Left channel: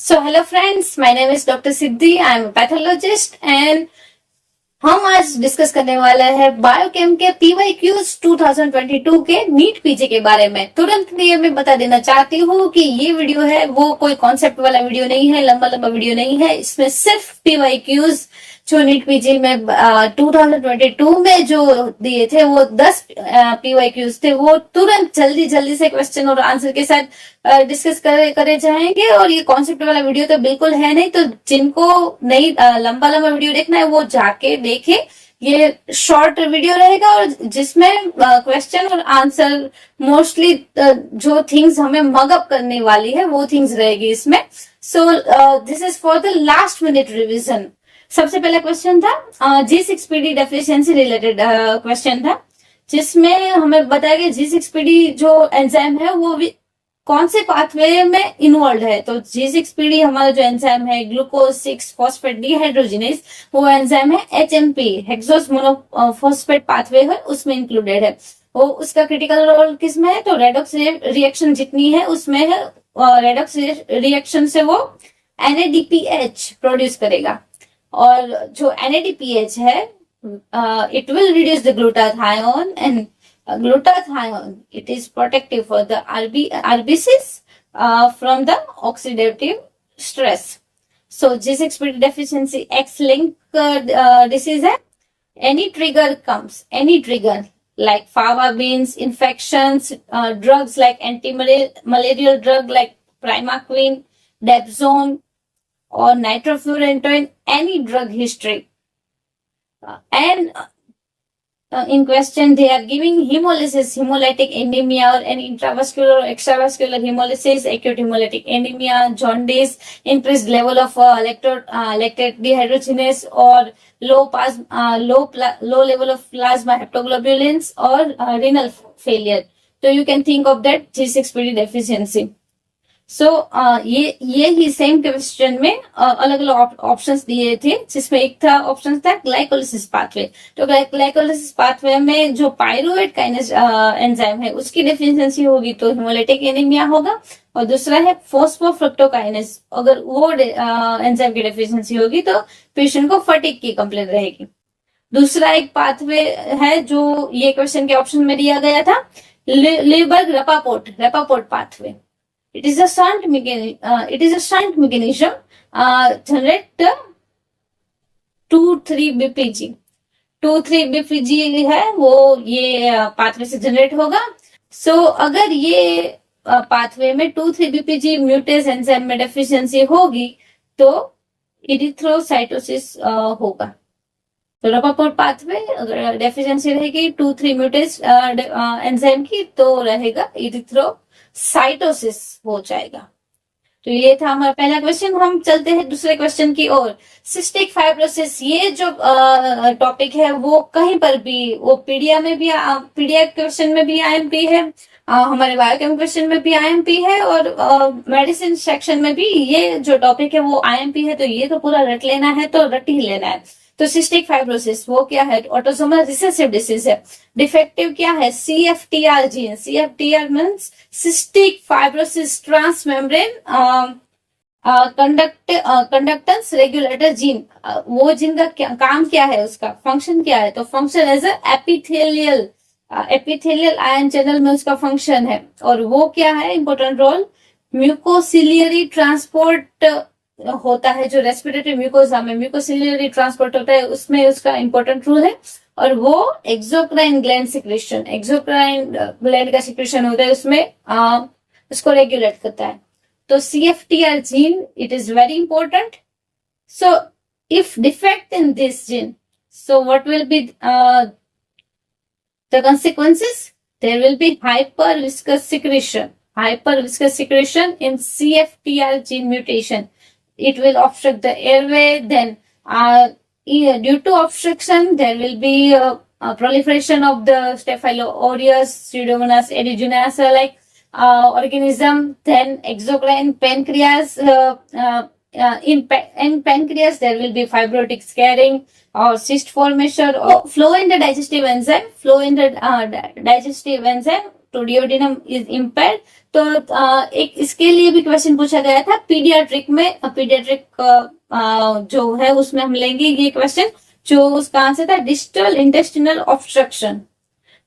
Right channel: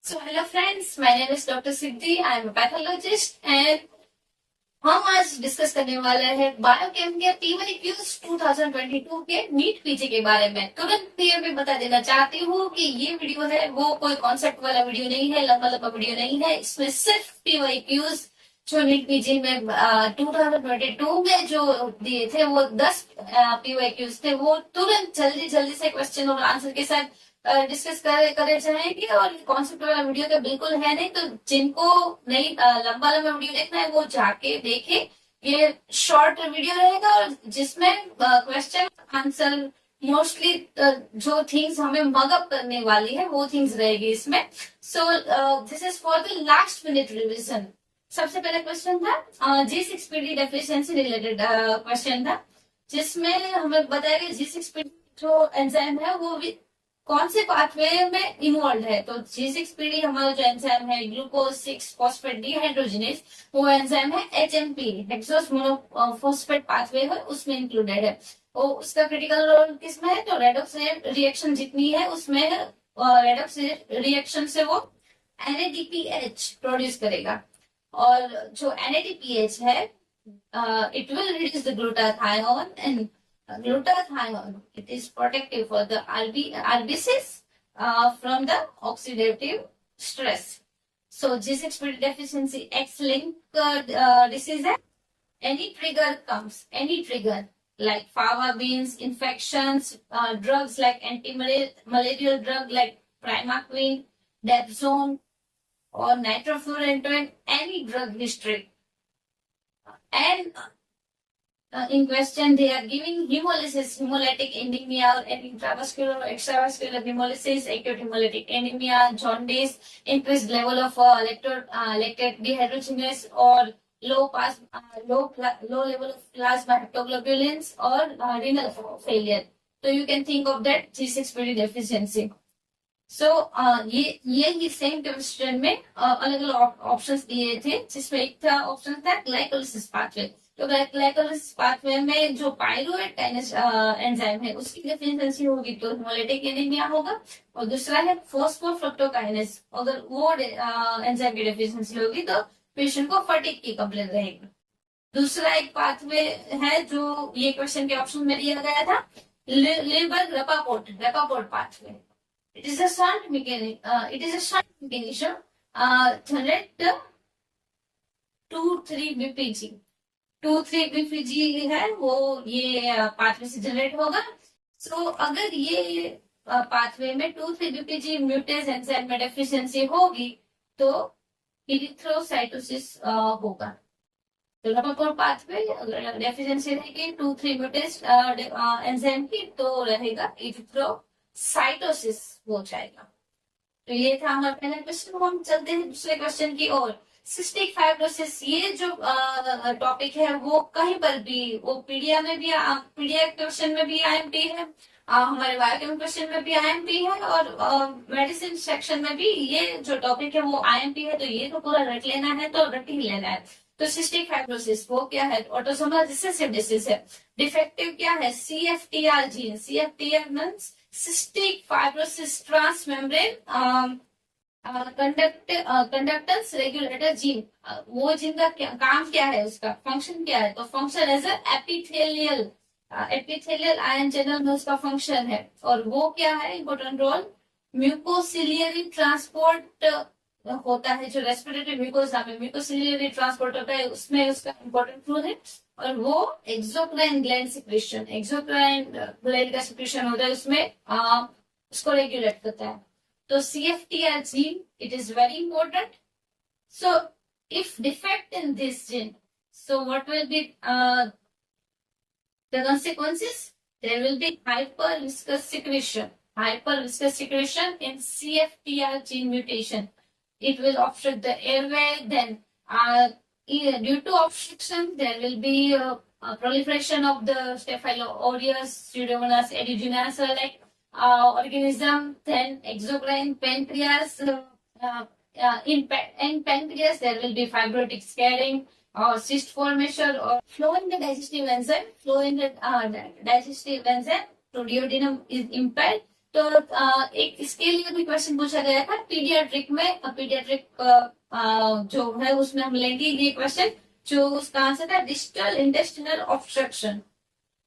So hello friends, my name is Dr. Siddhi. I am a pathologist and हम आज discuss करने वाला है बायोकेम के PYQs 2022 के नीट पीजी के बारे में। तुरंत लिए मैं बता देना चाहती हूँ कि ये वीडियो है वो कोई कॉन्सेप्ट वाला वीडियो नहीं है, लंबा लंबा वीडियो नहीं है। इसमें सिर्फ PYQs जो नीट पीजी में 2022 में जो दिए थे वो 10 PYQs थे, वो तुरंत जल्दी जल्दी से क्वेश्चन और आंसर के साथ डिस्कस करे जाएंगे। और ये कॉन्सेप्ट वाला वीडियो तो बिल्कुल है नहीं, तो जिनको नहीं लंबा लंबा वीडियो देखना है वो जाके देखे। ये शॉर्ट वीडियो रहेगा और जिसमें क्वेश्चन और आंसर मोस्टली जो थिंग्स हमें मगअप करने वाली है वो थिंग्स रहेगी इसमें। So this is for the last minute revision. सबसे पहला क्वेश्चन था G6PD डेफिशिएंसी रिलेटेड क्वेश्चन था, जिसमें हमें बताया गया G6PD जो एंजाइम है वो कौन से पाथवे में इन्वॉल्व है। तो G6PD हमारा जो एंजाइम है ग्लूकोज 6 फॉस्फेट डिहाइड्रोजिनेज, वो एंजाइम है HMP हेक्सोस मोनोफॉस्फेट पाथवे है, उसमें इंक्लूडेड है। वो उसका क्रिटिकल रोल किसमें है, तो रेडॉक्स रिएक्शन जितनी है उसमें है। रेडॉक्स रिएक्शन से वो NADPH प्रोड्यूस करेगा, और जो NADPH है it will reduce the glutathione, and glutathione, it is protective for the RBCs from the oxidative stress. So G6PD deficiency X-linked disease है. Any trigger comes, any trigger like fava beans, infections, drugs like anti-malarial drug like primaquine, dapsone, or nitrofurantoin, any drug history. And in question they are giving hemolysis, hemolytic anemia, or any intravascular or extravascular hemolysis, acute hemolytic anemia, jaundice, increased level of lactate dehydrogenase, or low level of plasma haptoglobulins, or renal failure. So you can think of that G6PD deficiency. सो ये ही same question में अलग अलग options दिए थे, जिसमें एक था option था ग्लाइकोलिसिस पाथवे। तो ग्लाइकोलिसिस पाथवे में जो पायरुवेट काइनेज एंजाइम है उसकी डेफिशिएंसी होगी तो हिमोलाइटिक एनीमिया होगा, और दूसरा है फॉस्फोफ्रक्टोकाइनेज, अगर वो एंजाइम की डेफिशिएंसी होगी तो पेशेंट को फटीग की कंप्लेंट रहेगी। दूसरा एक पाथवे है जो ये क्वेश्चन के ऑप्शन में दिया गया था, लीबर्ग रेपापोर्ट pathway. It is a shunt mechanism generate 2,3-BPG। 2,3-BPG है वो ये पाथवे से जनरेट होगा। सो अगर ये पाथवे में 2,3-BPG म्यूटेज एंजाइम में डेफिशिएंसी होगी तो इरिथ्रोसाइटोसिस होगा। तो रेपापोर्ट पाथवे अगर डेफिशिएंसी रहेगी 2,3 म्यूटेज एंजाइम की तो रहेगा इरिथ्रोसाइटोसिस हो जाएगा। तो ये था हमारा पहला क्वेश्चन। हम चलते हैं दूसरे क्वेश्चन की ओर। सिस्टिक फाइब्रोसिस, ये जो टॉपिक है वो कहीं पर भी, वो पीडिया क्वेश्चन में भी IMP है, हमारे बायोकेम क्वेश्चन में भी IMP है, और मेडिसिन सेक्शन में भी ये जो टॉपिक है वो IMP है। तो ये तो पूरा रट लेना है, तो रट ही लेना है। तो सिस्टिक फाइब्रोसिस वो क्या है, ऑटोसोमल रिसेसिव डिसीज है। डिफेक्टिव क्या है, CFTR gene. CFTR means cystic fibrosis transmembrane conductance regulator gene. वो जीन का काम क्या है, उसका फंक्शन क्या है, तो function as epithelial ion channel में उसका फंक्शन है। और वो क्या है, इंपॉर्टेंट रोल म्यूकोसिलियरी ट्रांसपोर्ट होता है, जो रेस्पिरेटरी म्यूकोजा में म्यूकोसिलियरी ट्रांसपोर्ट होता है उसमें उसका इंपॉर्टेंट रोल है। और वो एक्सोक्राइन ग्लैंड का सिक्रेशन होता है, उसमें उसको रेगुलेट करता है। तो CFTR gene, it is very important. So if defect in this gene, so what will be the consequences? There will be hyperviscous secretion in CFTR gene mutation. It will obstruct the airway. Then due to obstruction there will be a proliferation of the Staphylo aureus, Pseudomonas aeruginosa like organism. Then exocrine pancreas, in pancreas there will be fibrotic scarring or cyst formation, or flow in the digestive enzyme to duodenum is impaired, तो एक इसके लिए भी question पूछा गया था paediatric में। Paediatric जो है उसमें हम लेंगे ये क्वेश्चन, जो उसका आंसर था डिस्टल इंटेस्टिनल ऑब्स्ट्रक्शन,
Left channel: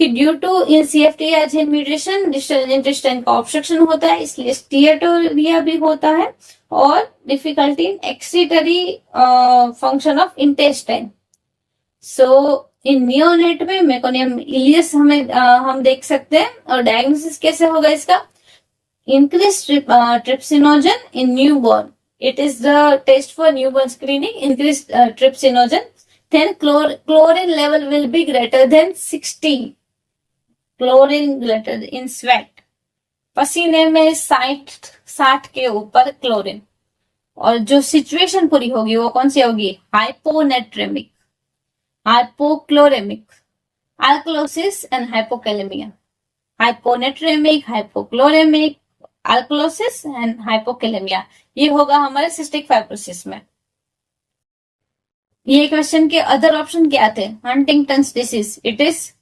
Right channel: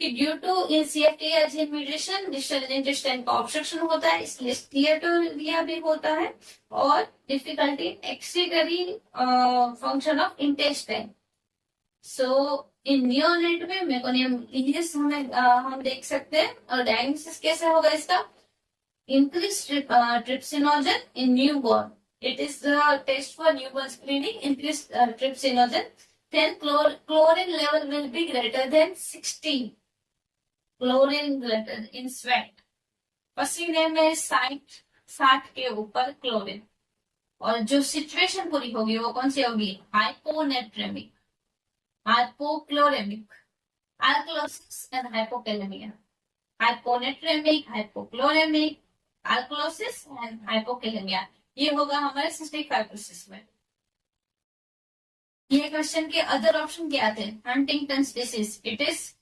कि ड्यू टू CFTR या जीन म्यूटेशन डिस्टल इंटेस्टाइन का ऑब्स्ट्रक्शन होता है, इसलिए स्टीएटोरिया भी होता है, और difficulty in excretory function of intestine. So in neonate में मेकोनियम इलियस हम देख सकते हैं। और डायग्नोसिस कैसे होगा इसका? increased trypsinogen in newborn. It is the test for newborn screening. Increased trypsinogen. Then chlorine level will be greater than 60. Chlorine greater in sweat. पसीने में 60 के ऊपर क्लोरीन। और जो सिचुएशन पूरी होगी वो कौन सी होगी? Hyponatraemic, hypochloraemic, alkalosis and hypokalaemia. Hyponatraemic, hypochloraemic, alkalosis and hypokalaemia, ये होगा हमारे सिस्टिक फाइब्रोसिस में। ये क्वेश्चन के अदर ऑप्शन क्या थे? Huntington's disease, it is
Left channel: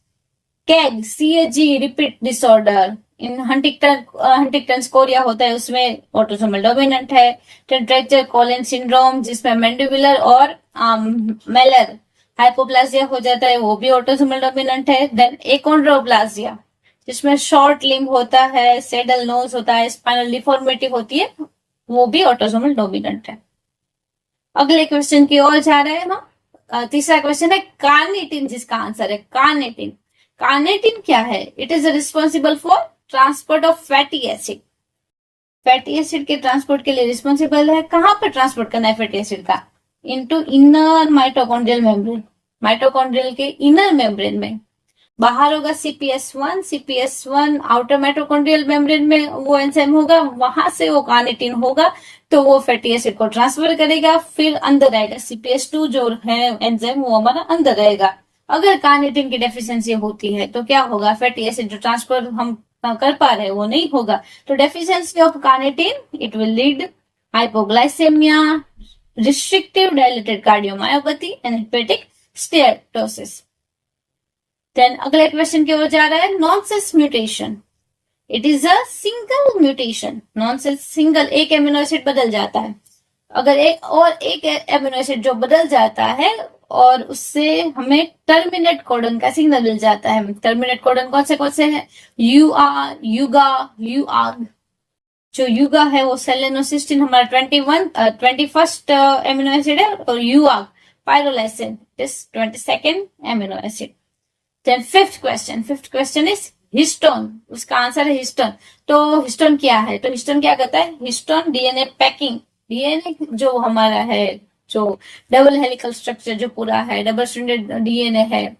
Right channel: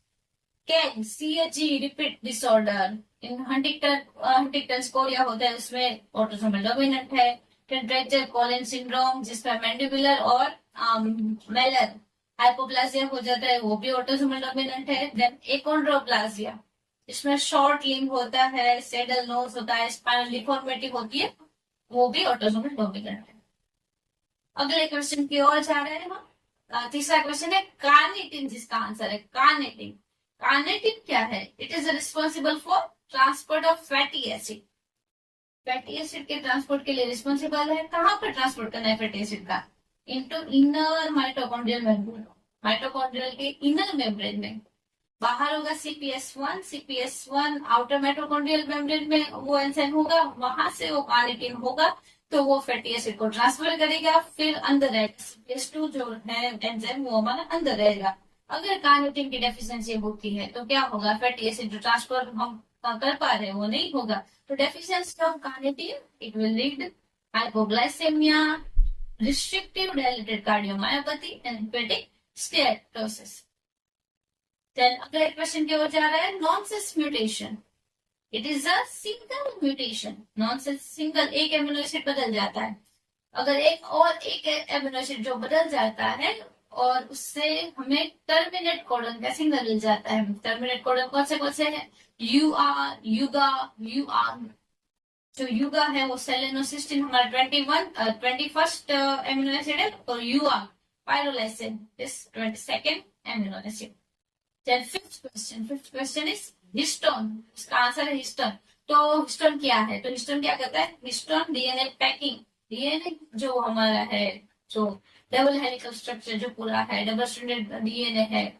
CAG repeat disorder. In Huntington's Korea होता है, उसमें ऑटोसोमल डोमिनेंट है। टेट्रेक्चर कोलिन सिंड्रोम, जिसमें मैंडिबुलर और मेलर हाइपोप्लासिया हो जाता है, वो भी ऑटोसोमल डोमिनेंट है। देन एकोंड्रोप्लासिया, जिसमें शॉर्ट लिम्ब होता है, सेडल नोज होता है, स्पाइनल डिफॉर्मिटी होती है, वो भी ऑटोसोमल डोमिनेंट है। अगले क्वेश्चन की ओर जा रहे हैं हम। तीसरा क्वेश्चन है कार्निटिन, जिसका आंसर है कार्निटिन। कार्निटिन क्या है? It is responsible for transport of fatty acid. Fatty acid के ट्रांसपोर्ट के लिए रिस्पॉन्सिबल है। कहां पर ट्रांसपोर्ट करना है फैटी एसिड का? Into inner mitochondrial membrane, mitochondrial के इनर मेम्ब्रेन में। बाहर होगा CPS1 आउटर माइटोकॉन्ड्रियल मेम्ब्रेन में वो एंजाइम होगा, वहां से वो कार्निटिन होगा, तो वो फैटी एसिड को ट्रांसफर करेगा, फिर अंदर आएगा CPS2 जो है एंजाइम, वो हमारा अंदर रहेगा। अगर कार्निटिन की डेफिशिएंसी होती है तो क्या होगा? फैटी एसिड जो ट्रांसफर हम कर पा रहे हैं वो नहीं होगा। तो deficiency of carnitine, it will lead hypoglycaemia, restrictive dilated cardiomyopathy and hepatic steatosis. Then अगले क्वेश्चन की ओर जा रहा है nonsense mutation. It is a single mutation. Nonsense single, एक एमिनो एसिड बदल जाता है। अगर एक एमिनो एसिड जो बदल जाता है और उससे हमें टर्मिनेट कोडन का सिग्नल मिल जाता है। टर्मिनेट कोडन कौन से हैं? UR, युगा, UAG। जो युगा है वो सेलेनोसिस्टीन हमारा 21st एमिनो एसिड है, और UAG pyrrolysine is 22nd amino acid. Then fifth question is histone. उसका आंसर है हिस्टोन। तो हिस्टोन क्या है? तो हिस्टोन क्या करता है? हिस्टोन डीएनए पैकिंग, डीएनए जो हमारा है, जो डबल हेलिकल स्ट्रक्चर जो पूरा है, डबल स्ट्रैंडेड डीएनए है,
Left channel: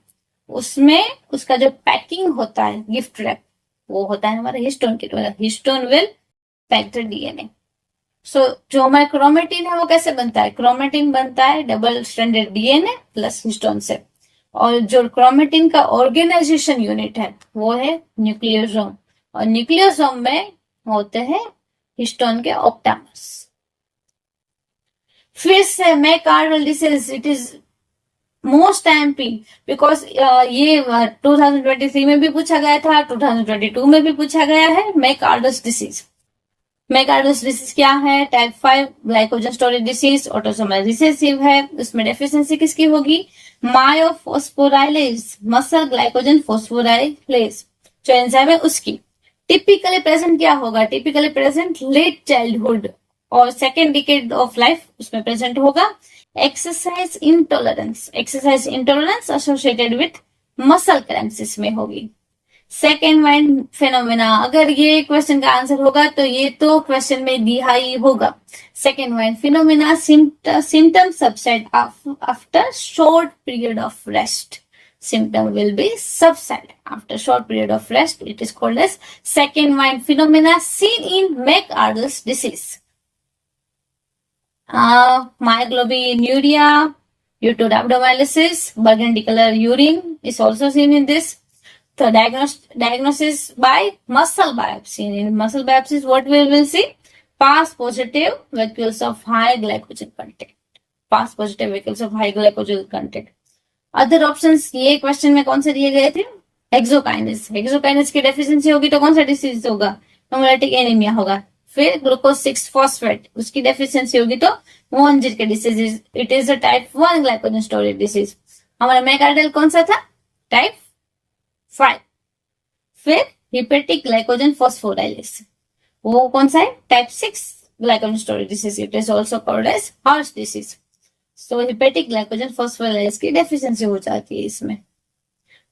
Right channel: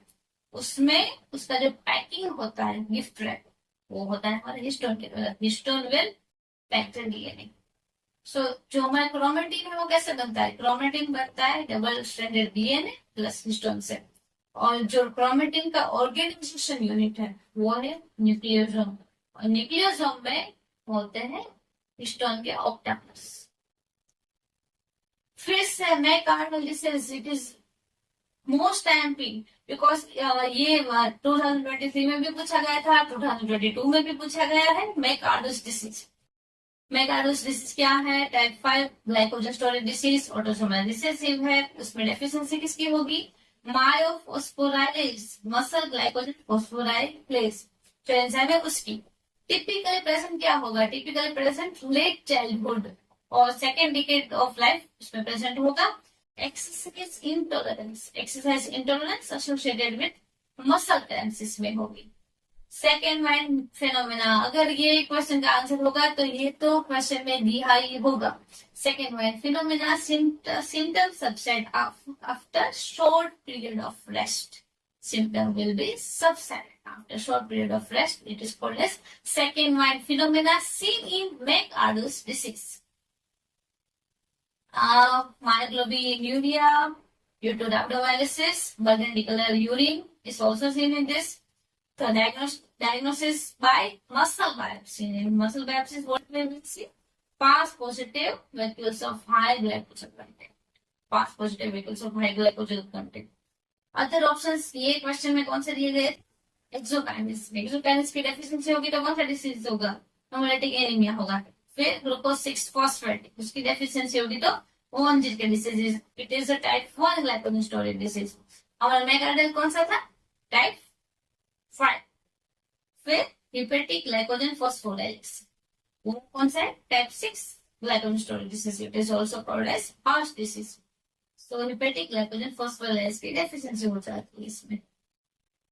उसमें उसका जो पैकिंग होता है, गिफ्ट रैप, वो होता है हमारे हिस्टोन के द्वारा। Histone will pack the DNA. So जो हमारा क्रोमेटिन है वो कैसे बनता है? क्रोमेटिन बनता है double stranded DNA plus histone से। और जो क्रोमेटिन का ऑर्गेनाइजेशन यूनिट है वो है न्यूक्लियोसोम, और न्यूक्लियोसोम में होते हैं हिस्टोन के ऑक्टामर्स। फिर से McArdle disease, it is most MP because ये 2023 में भी पूछा गया था, 2022 में भी पूछा गया है। मैकार्डस डिसीज, मैकार्डस डिसीज क्या है? Type 5 glycogen storage disease, autosomal recessive है। उसमें डेफिशिएंसी किसकी होगी? मायोफॉस्फोराइलेज, मसल ग्लाइकोजन फॉस्फोराइलेज जो एंजाइम है उसकी। टिपिकली प्रेजेंट क्या होगा? टिपिकली प्रेजेंट लेट चाइल्डहुड और सेकेंड डिकेड ऑफ लाइफ उसमें प्रेजेंट होगा। Exercise intolerance, exercise intolerance associated with muscle cramps में होगी। सेकेंड वाइन फेनोमेना, अगर ये क्वेश्चन का आंसर होगा तो ये तो क्वेश्चन में दिया ही होगा। Second wine phenomena, symptom subside after short period of rest. Symptom will be subside after short period of rest. It is called as second wine phenomena seen in McArdle's disease. Myoglobinuria due to rhabdomyolysis, burgundy color urine is also seen in this. The diagnosis by muscle biopsy. In muscle biopsies, what we will see? Pass positive vacuoles of high glycogen content. Pass positive vacuoles of high glycogen content. Other options ये question में कौन से दिए गए थे? एक्सोकाइनेस, एक्सोकाइनेस की deficiency होगी तो कौन सा डिसीज होगा? हेमोलाइटिक एनीमिया होगा। फिर ग्लूकोज 6 फॉस्फेट, उसकी डेफिशिएंसी होगी तो वॉन के disease, it is a type 1 glycogen storage disease. हमारा मेगार्डल कौन सा था? टाइप 5। फिर हिपेटिक ग्लाइकोजन फॉस्फोराइलेस, वो कौन सा है? Type 6 glycogen storage disease, it is also called as Hers disease. So hepatic glycogen phosphorylase की डेफिशिएंसी हो जाती है इसमें।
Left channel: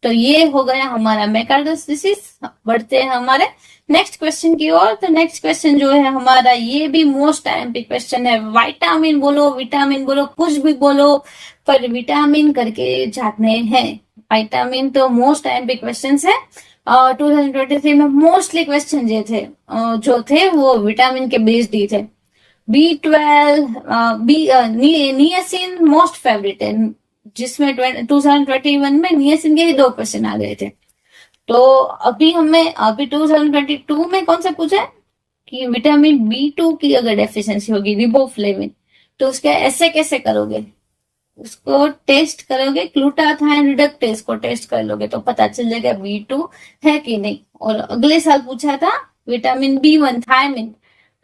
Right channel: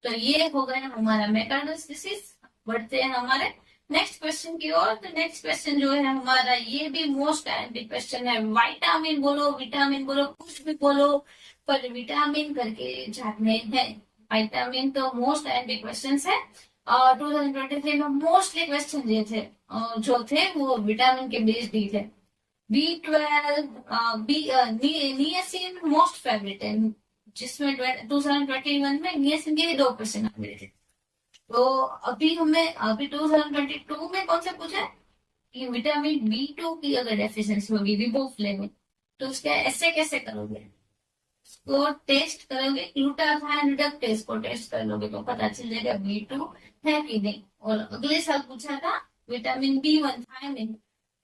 तो ये हो गया हमारा मैकार्डस डिसीज। बढ़ते हैं हमारे नेक्स्ट क्वेश्चन की ओर। तो नेक्स्ट क्वेश्चन जो है हमारा, ये भी मोस्ट आईएमपी क्वेश्चन है। विटामिन बोलो, विटामिन बोलो, कुछ भी बोलो, पर विटामिन करके जाने हैं। विटामिन तो मोस्ट आईएमपी क्वेश्चन है। 2023 में मोस्टली क्वेश्चन जो थे वो विटामिन के बेस्ड ही थे। B12, नियासिन मोस्ट फेवरेट है, जिसमें 2021 में नियासिन के 2 क्वेश्चन आ गए थे। तो अभी 2022 में कौन सा पूछा है कि विटामिन B2 की अगर डेफिशिएंसी होगी, रिबोफ्लेविन, तो उसका ऐसे कैसे करोगे? उसको टेस्ट करोगे, ग्लूटाथाइन रिडक्टेस को टेस्ट कर लोगे तो पता चल जाएगा B2 है कि नहीं। और अगले साल पूछा था विटामिन B1 थायमिन,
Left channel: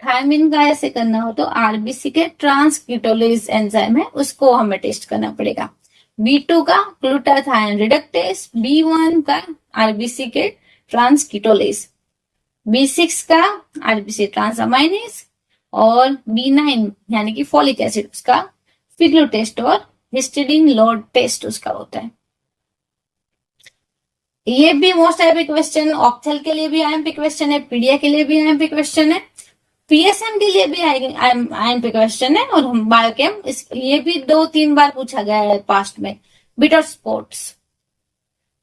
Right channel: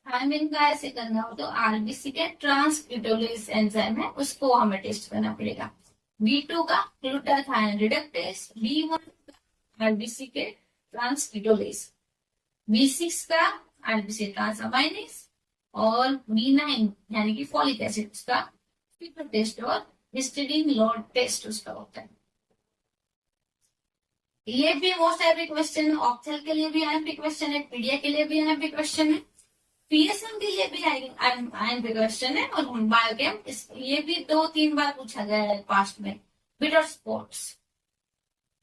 थायमिन का ऐसे करना हो तो आरबीसी के ट्रांसक्रिटोलेज एंजाइम है, उसको हमें टेस्ट करना पड़ेगा। B2 का ग्लूटाथाइन रिडक्टेस, B1 का आरबीसी के ट्रांसक्रिटोलेज, B6 का आरबीसी ट्रांसअमाइनेज, और B9 यानी कि फोलिक एसिड उसका फिग्लू टेस्ट और हिस्टिडीन लोड टेस्ट उसका होता है। ये भी मोस्ट आईएमपी क्वेश्चन, ऑप्थेल के लिए भी आईएमपी क्वेश्चन है, पीडिया के लिए भी आईएमपी क्वेश्चन है, पीएसएम के लिए भी आईएमपी क्वेश्चन है, और बायोकेम ये भी 2-3 बार पूछा गया है पास्ट में। बिटर स्पॉट्स,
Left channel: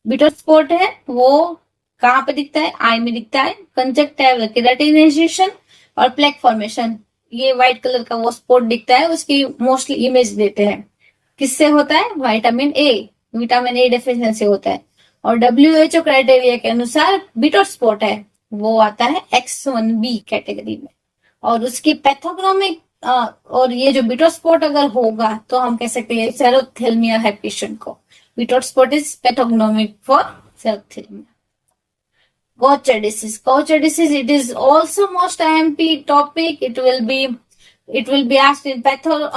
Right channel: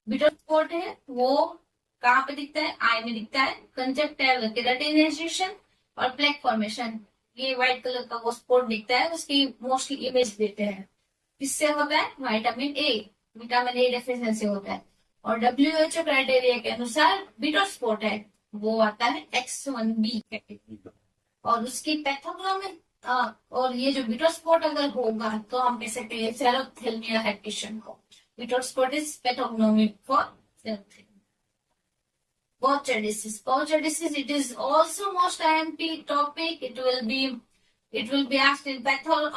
बिटर स्पॉट है वो कहाँ पे दिखता है? आई में दिखता है। कंजक्टिव केराटिनाइजेशन और प्लेक फॉर्मेशन, ये व्हाइट कलर का वो स्पॉट दिखता है, उसकी मोस्टली इमेज देते हैं। किससे होता है? विटामिन ए डेफिशिएंसी होता है। और WHO क्राइटेरिया के अनुसार बिटर स्पॉट है वो आता है X1B कैटेगरी में। और उसकी पैथोग्नोमिक और ये जो बिटर स्पॉट अगर होगा तो हम कह सकते हैं सेरोथेल्मिया है पेशेंट को। Bitot's spot is pathognomonic for xerophthalmia. Gaucher disease, it is also most IMP topic. It will be asked in patho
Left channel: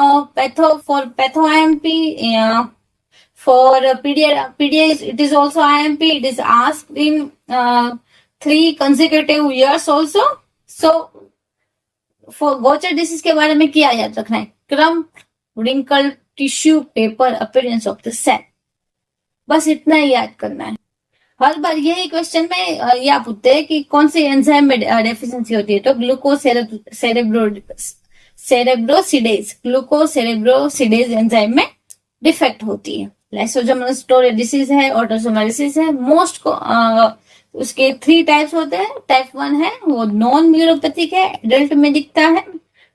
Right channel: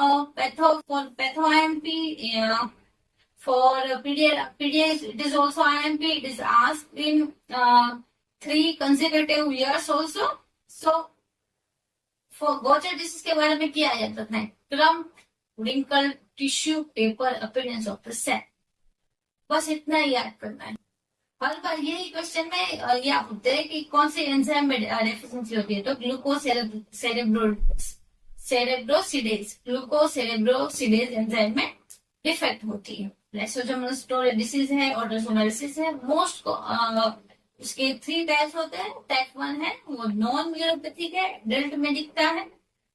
IMP. Yeah. For PDA, it is also IMP. It is asked in 3 consecutive years also. So for Gaucher disease के बारे में क्या याद रखना है? Krump, wrinkled tissue paper appearance of the cell, बस इतना ही याद करना है। हर बार यही क्वेश्चन में ये पूछते हैं कि कौन से एंजाइम में डेफिशिएंसी होती है, तो ग्लूकोसेरेब्रोसिडेज एंजाइम में डिफेक्ट होती है। लाइसोसोमल स्टोरेज डिसीज है, ऑटोसोमल डिसीज है। मोस्ट को उसके 3 टाइप्स होते हैं। टाइप 1 है वो नॉन न्यूरोपैथिक है, एडल्ट में दिखता है।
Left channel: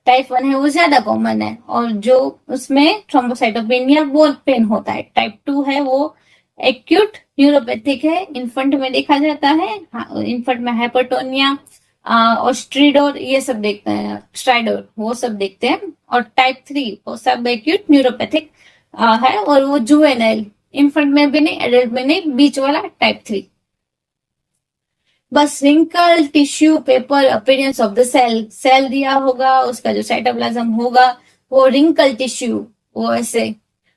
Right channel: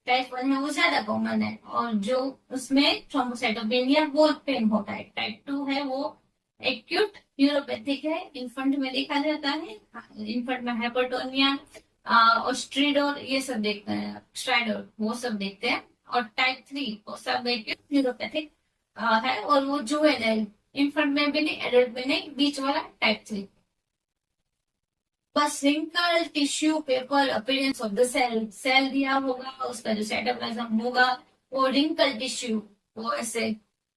टाइप 1 है वो ज्यादा कॉमन है, और जो उसमें थ्रोम्बोसाइटोपेनिया वो पेन होता है। टाइप 2 है वो एक्यूट न्यूरोपैथिक है, इन्फेंट में देखा जाता है। इन्फेंट में हाइपरटोनिया और स्ट्रीडोर ये सब देखते हैं, स्ट्राइडोर वो सब देखते हैं। और टाइप 3 वो सब एक्यूट न्यूरोपैथिक है, और वो जुवेनाइल, इन्फेंट में भी नहीं, एडल्ट में नहीं, बीच वाला टाइप 3। बस wrinkle tissue paper appearance of the cell दिया होगा, उसका जो साइटोप्लाज्म होगा वो रिंकल टिश्यू, वो ऐसे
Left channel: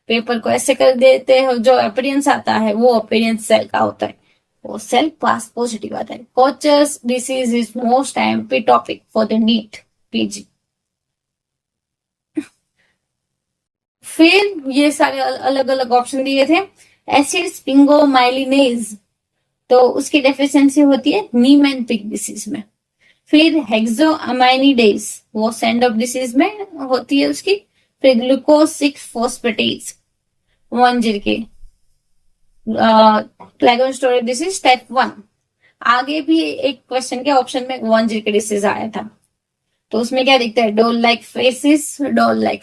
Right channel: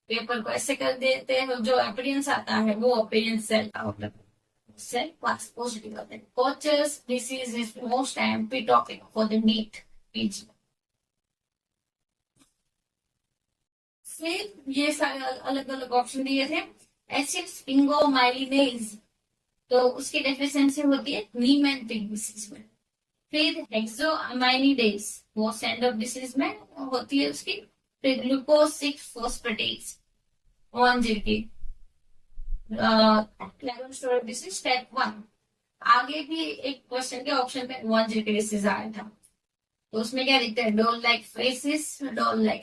पेपर को ऐसे कर देते हैं, जो अपीयरेंस आता है वो अपीयरेंस सेल का होता है, वो सेल पास पॉजिटिव आता है। Gaucher's disease is most IMP topic for the NEET PG. फिर ये सारे अलग अलग ऑप्शन दिए थे। एसिड स्पिंगोमाइलिनेज, तो उसकी डेफिशिएंसी होती है नीमेंटिक डिसीज में। फिर हेक्सोअमाइनिडेज वो सैंडोप डिसीज में होती है उसकी। फिर ग्लूकोज 6 फॉस्फेटेज 1 के ग्लाइकोजन स्टोरेज डिसीज टाइप 1। आगे भी एक क्वेश्चन के ऑप्शन में 1 के डिसीज आया था, तो उसमें क्या दिखता है? Doll like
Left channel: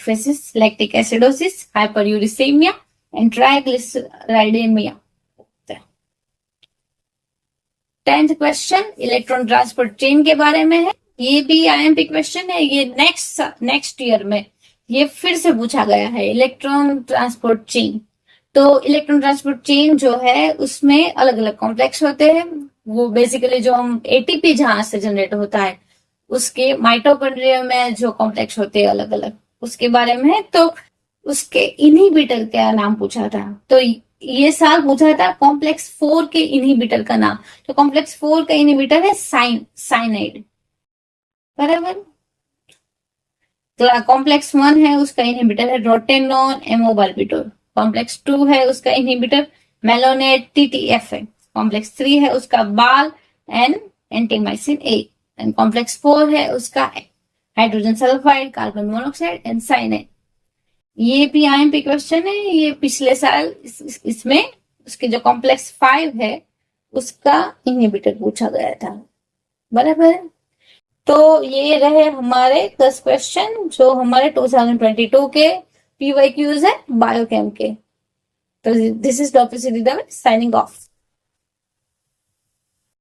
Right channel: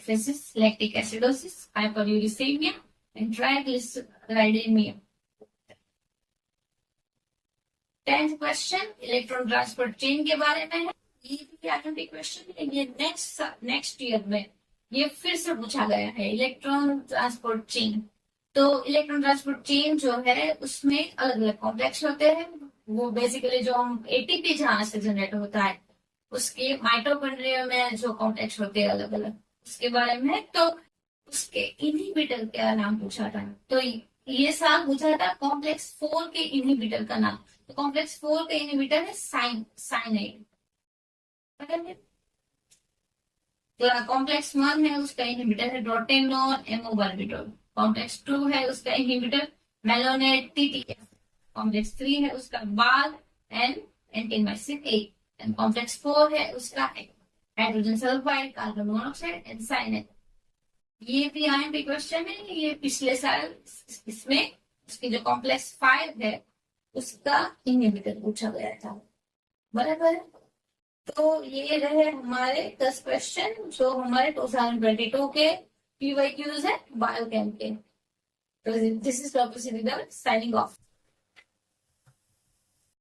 facies, lactic acidosis, hyperuricaemia and triglyceridaemia. 10th question electron transport chain के बारे में है। ये भी आईएमपी क्वेश्चन है, ये नेक्स्ट ईयर में ये फिर से पूछा गया है, इलेक्ट्रॉन ट्रांसपोर्ट चेन। तो इलेक्ट्रॉन ट्रांसपोर्ट चेन जो है उसमें अलग अलग कॉम्प्लेक्स होते हैं। वो बेसिकली जो हम एटीपी जहां से जनरेट होता है उसके माइटोकॉन्ड्रिया में जो कॉम्प्लेक्स होते हैं अलग अलग, उसके बारे में है। तो उसके इनहिबिटर का नाम पूछा था, तो ये साल पूछा था कॉम्प्लेक्स 4 के इनहिबिटर का नाम। तो कॉम्प्लेक्स 4 का इनहिबिटर है साइनाइड, बराबर। तो कॉम्प्लेक्स 1 है उसका इनहिबिटर है रोटेनॉन एमोबार्बिटोल। कॉम्प्लेक्स 2 है उसका इनहिबिटर मेलोनेट टीटीएफ है। कॉम्प्लेक्स 3 है उसका बाल एंड एंटीमाइसिन ए। एंड कॉम्प्लेक्स 4 है उसका hydrogen sulphide, carbon monoxide and cyanide. ये भी आईएमपी क्वेश्चन है, ये पिछले साल इसमें उसके जो कॉम्प्लेक्स 5 है उसका इनहिबिटर पूछा गया था, बराबर। तो ये रहे हमारे 10 क्वेश्चन जो हमारे 2022 के पीवाईक्यूज है बायोकेम के। तो this is Doctor Siddhida signing of.